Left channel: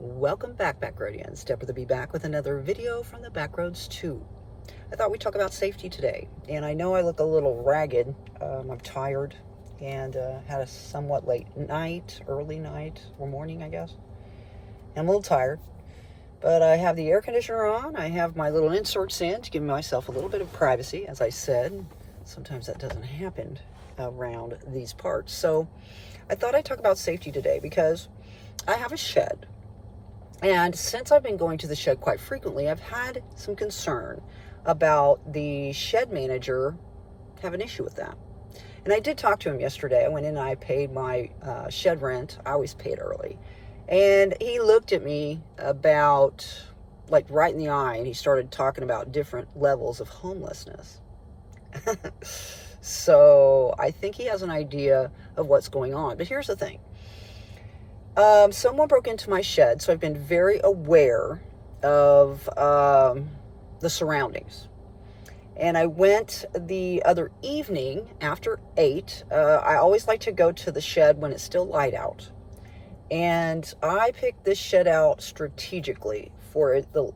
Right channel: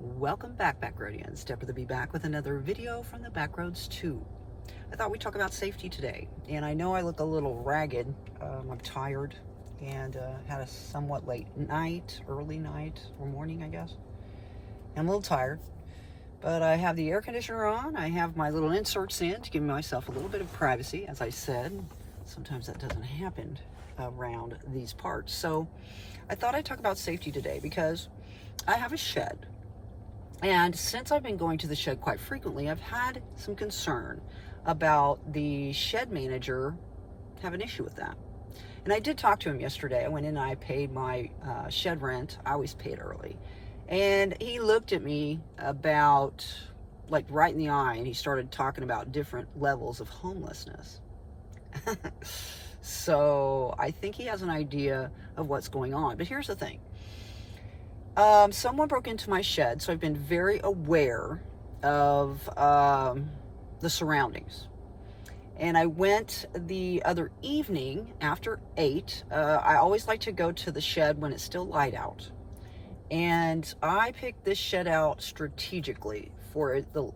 Welcome back, Backroadians. Deborah to be back with another video from the Backroads 2. I thought we'd talk about safety today, and I know I look a little ragged. I'm tired and had a somewhat late night, early night, or morning, I guess. And I'm a little tired, but I have the air conditioner on. I have my little inserts in to give myself a little bit of privacy. As I said, sometimes that doesn't happen around these parts. So I thought I'd talk about safety today because I have a shed. And since I've been going to the shed quite frequently, I've had some concern about the shed manager have an issue with that. And I did talk to him yesterday. I went in and I paid my shed rent. I always pay it early. And he looked at me about, like, right in the eye, and he started talking about different levels of homelessness. So I think he has an idea of what's going on. But here's the thing. Someone broke into my shed, so I've been very aware of the surroundings. And I went the other evening after 8. I always like to go to the shed when it's still light out. And I picked this shed out strategically for the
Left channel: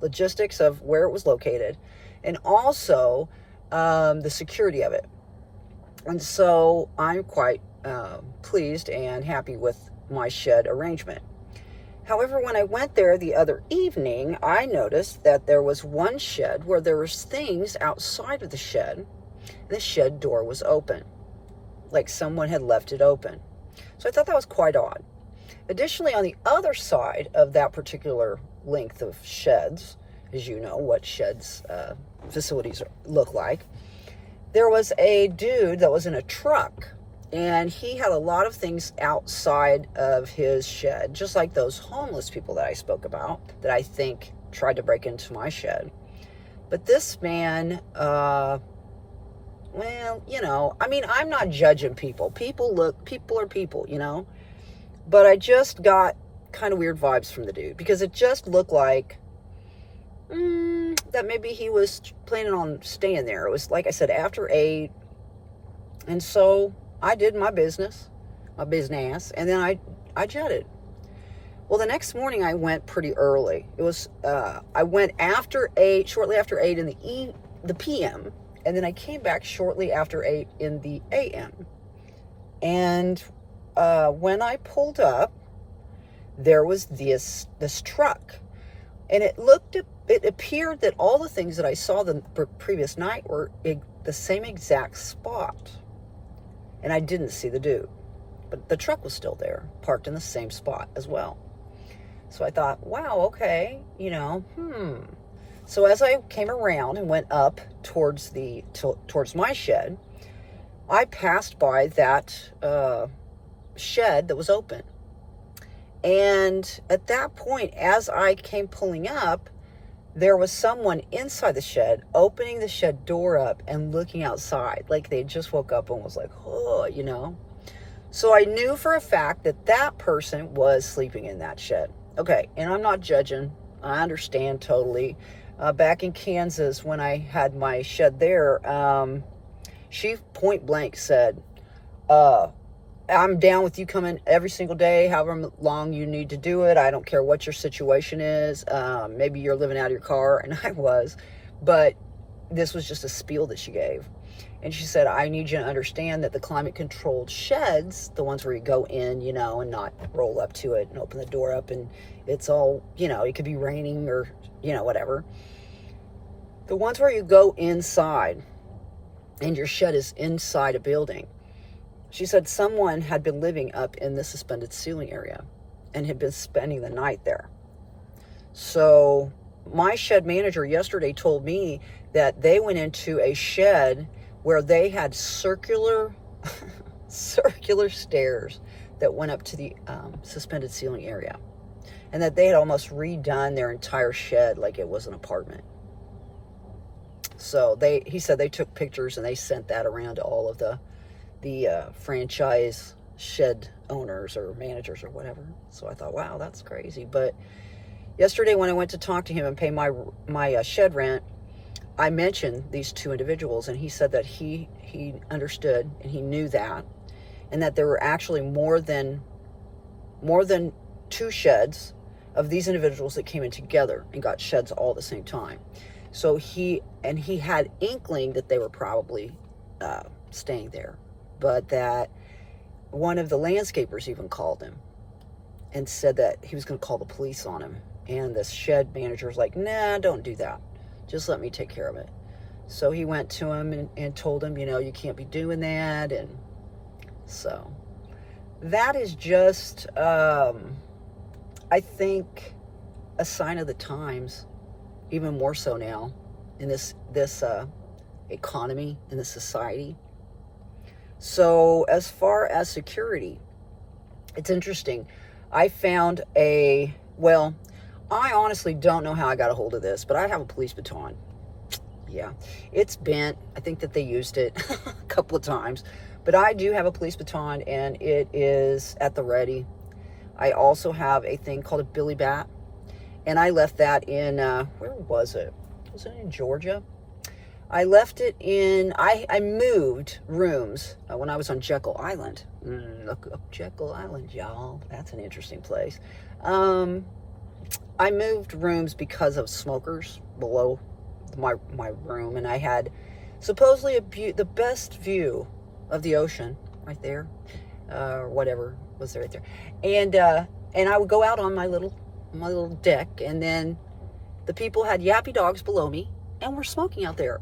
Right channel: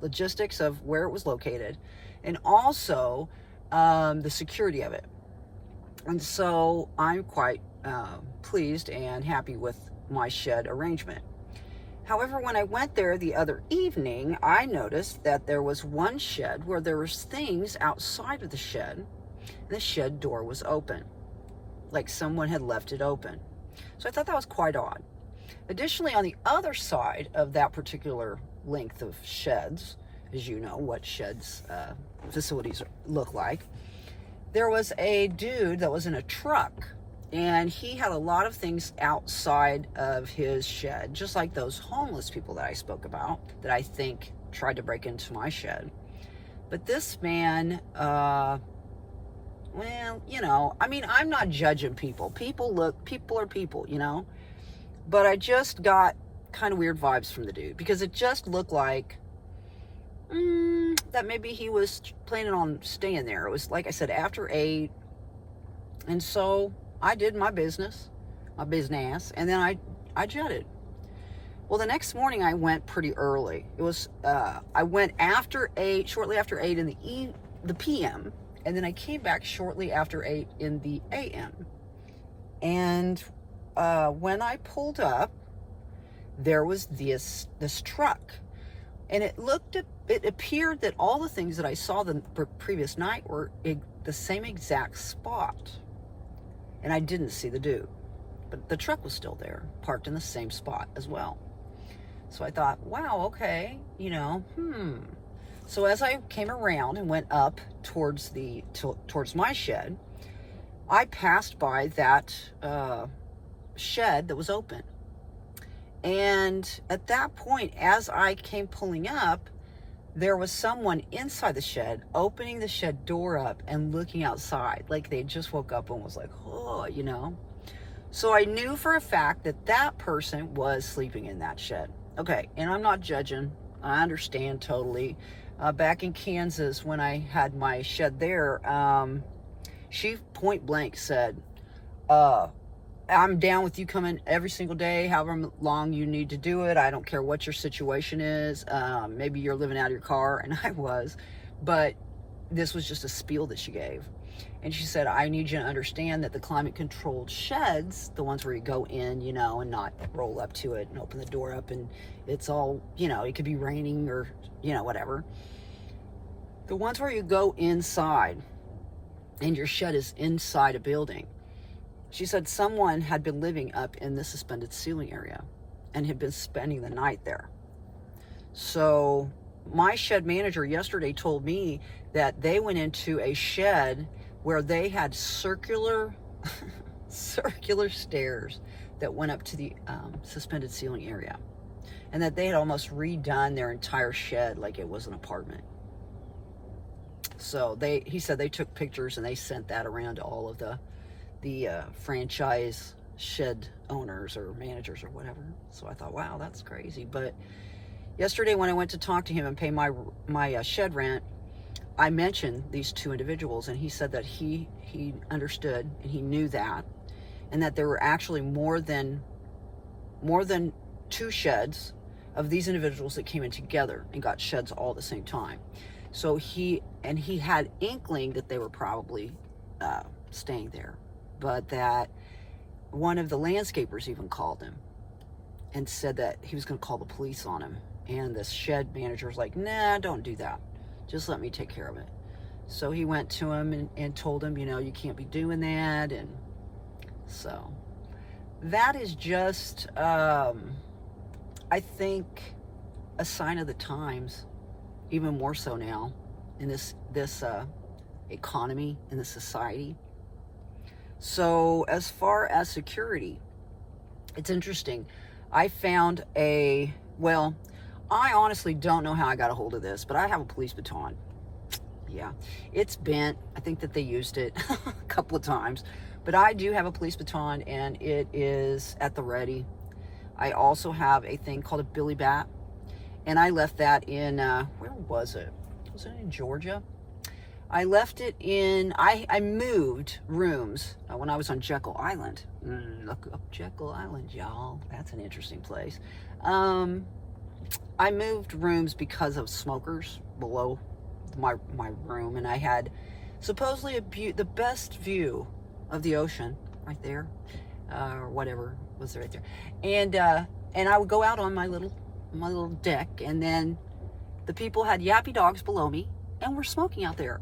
logistics of where it was located and also the security of it. And so I'm quite pleased and happy with my shed arrangement. However, when I went there the other evening, I noticed that there was one shed where there was things outside of the shed. The shed door was open, like someone had left it open. So I thought that was quite odd. Additionally, on the other side of that particular length of sheds, as you know what sheds facilities look like, there was a dude that was in a truck. And he had a lot of things outside of his shed, just like those homeless people that I spoke about, that I think tried to break into my shed. But this man, well, you know, I mean, I'm not judging people. People are people, you know. But I just got kind of weird vibes from the dude, because it just looked like that maybe he was planning on staying there. It was, like I said, after 8. And so I did my business, and then I jetted. Well, the next morning I went pretty early. It was, I went after 8, shortly after 8 in the PM, and then I came back shortly after 8 in the AM. And when I pulled up, there was this truck, and it appeared that all the things that I saw the previous night were the same exact spot. And I didn't see the dude, but the truck was still there, parked in the same spot as well. So I thought, wow, okay, you know, So as I came around and went up towards my shed, I passed by that shed that was open. And at that point, as I came pulling up, there was someone inside the shed opening the shed door up and looking outside, like they just woke up and was like, oh, you know. So I knew for a fact that that person was sleeping in that shed. Okay, and I'm not judging. I understand totally. Back in Kansas, when I had my shed there, she point blank said, I'm down with you coming every single day, however long you need to do it. I don't care what your situation is. Maybe you're living out of your car, and I was, but this was just a spiel that she gave. And she said, I need you to understand that the climate-controlled sheds, the ones where you go in, you know, and not roll up to it and open the door up, and it's all, you know, it could be raining or, you know, whatever. The ones where you go inside and your shed is inside a building. She said someone had been living up in the suspended ceiling area and had been spending the night there. So my shed manager yesterday told me that they went into a shed where they had circular stairs that went up to the suspended ceiling area, and that they had almost redone their entire shed like it was an apartment. So he said they took pictures and they sent that around to all of the franchise shed owners or managers or whatever. So I thought, wow, that's crazy. But yesterday when I went to talk to him and pay my shed rent, I mentioned these two individuals, and he said that he understood and he knew that, and that there were actually more than 2 sheds of these individuals that came in together and got sheds all at the same time. So he had inkling that they were probably staying there, but that one of the landscapers even called him and said that he was going to call the police on him. And the shed manager was like, nah, don't do that. Just let me take care of it. So he went to him and told him, you can't be doing that. And so that is just, I think, a sign of the times, even more so now in this economy, in this society. So as far as security, it's interesting. I found I honestly don't know how I got a hold of this, but I have a police baton. Yeah, it's bent. I think that they used it a couple of times, but I do have a police baton, and it is at the ready. I also have a thing called a billy bat, and I left that in, where was it? Was it in Georgia? I left it in, I moved rooms when I was on Jekyll Island. Look up Jekyll Island, y'all. That's an interesting place. I moved rooms because of smokers below my room, and I had supposedly the best view of the ocean right there, or whatever was there right there. And I would go out on my little deck, and then the people had yappy dogs below me, and we're smoking out there.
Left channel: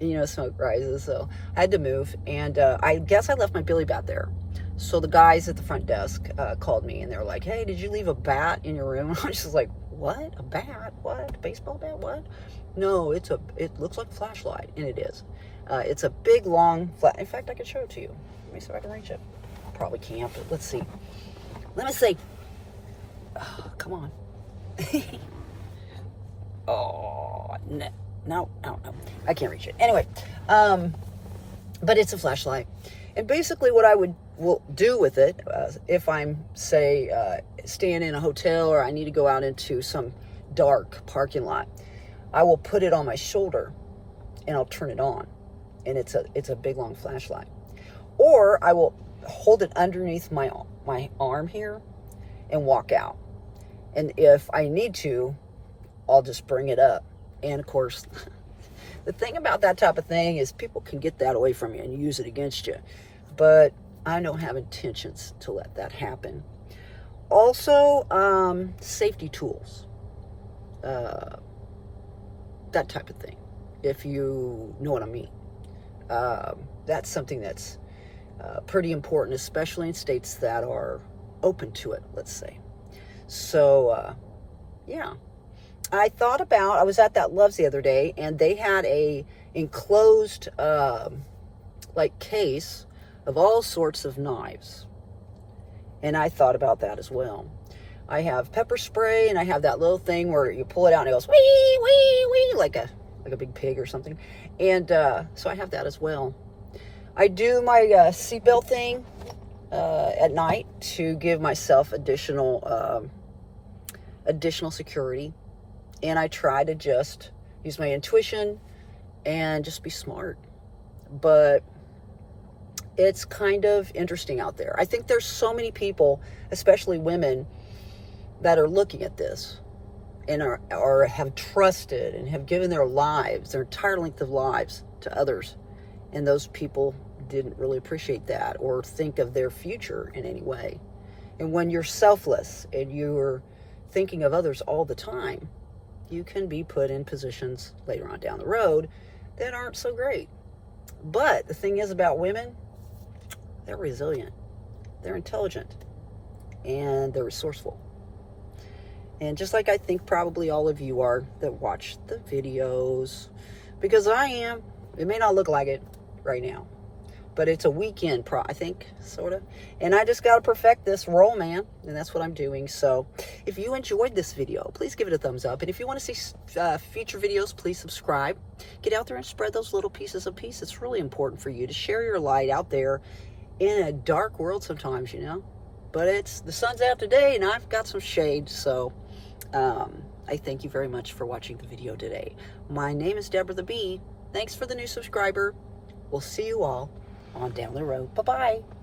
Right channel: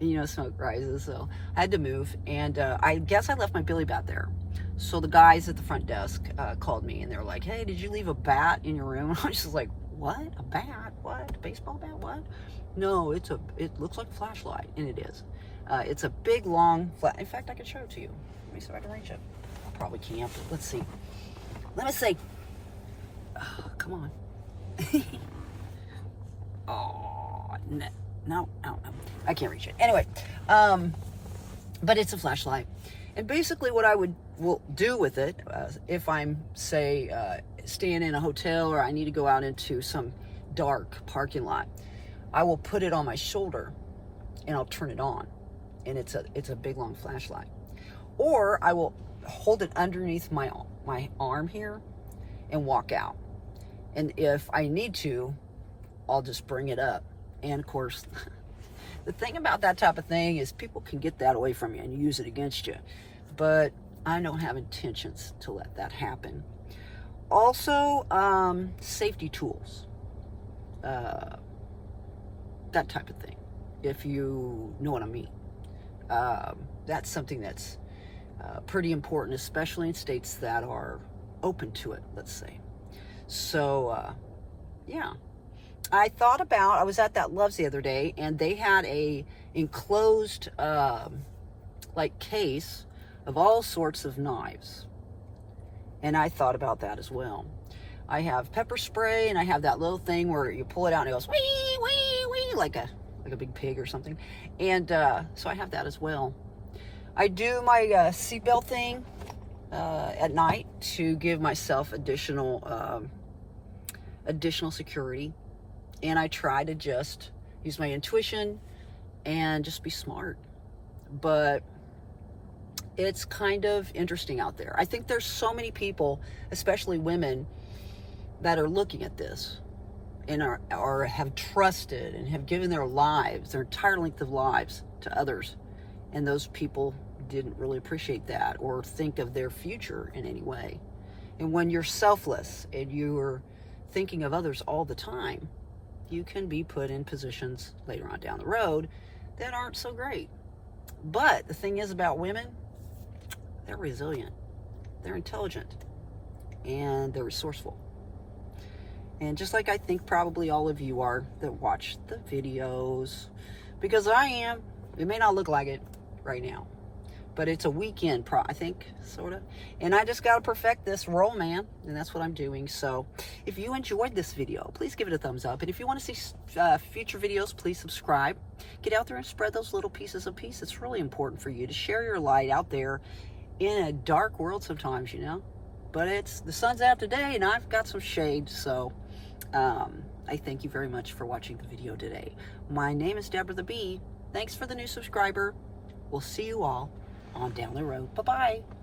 And, smoke rises, so I had to move. And I guess I left my billy bat there. So the guys at the front desk called me, and they were like, hey, did you leave a bat in your room? I was just like, what? A bat? What? A baseball bat? What? No, it looks like a flashlight, and it is. It's a big, long flat. In fact, I can show it to you. Let me see if I can reach it. Probably can't, but let's see. Let me see. Oh, come on. Oh, no. I can't reach it. Anyway, but it's a flashlight. And basically what I will do with it, if I'm, say, staying in a hotel or I need to go out into some dark parking lot, I will put it on my shoulder and I'll turn it on. And it's a big, long flashlight. Or I will hold it underneath my arm here and walk out. And if I need to, I'll just bring it up. And of course, the thing about that type of thing is people can get that away from you and use it against you. But I don't have intentions to let that happen. Also, safety tools. That type of thing, if you know what I mean. That's something that's pretty important, especially in states that are open to it, let's say. So, yeah. I was at that Love's the other day, and they had a enclosed, case of all sorts of knives. And I thought about that as well. I have pepper spray, and I have that little thing where you pull it out and it goes, wee, wee, wee, like a big pig or something. And so I have that as well. I do my seatbelt thing at night to give myself additional security. And I try to just use my intuition and just be smart. But it's kind of interesting out there. I think there's so many people, especially women, that are looking at this and are have trusted and have given their lives, their entire length of lives, to others. And those people didn't really appreciate that or think of their future in any way. And when you're selfless and you're thinking of others all the time, you can be put in positions later on down the road that aren't so great. But the thing is about women, they're resilient, they're intelligent, and they're resourceful. And just like I think probably all of you are that watch the videos, because I am. It may not look like it right now, but it's a weekend, I think, sort of. And I just got to perfect this role, man, and that's what I'm doing. So if you enjoyed this video, please give it a thumbs up. And if you want to see future videos, please subscribe. Get out there and spread those little pieces of peace. It's really important for you to share your light out there in a dark world sometimes, But the sun's out today, and I've got some shade, so I thank you very much for watching the video today. My name is Deborah the Bee. Thanks for the new subscriber. We'll see you all on down the road. Bye-bye.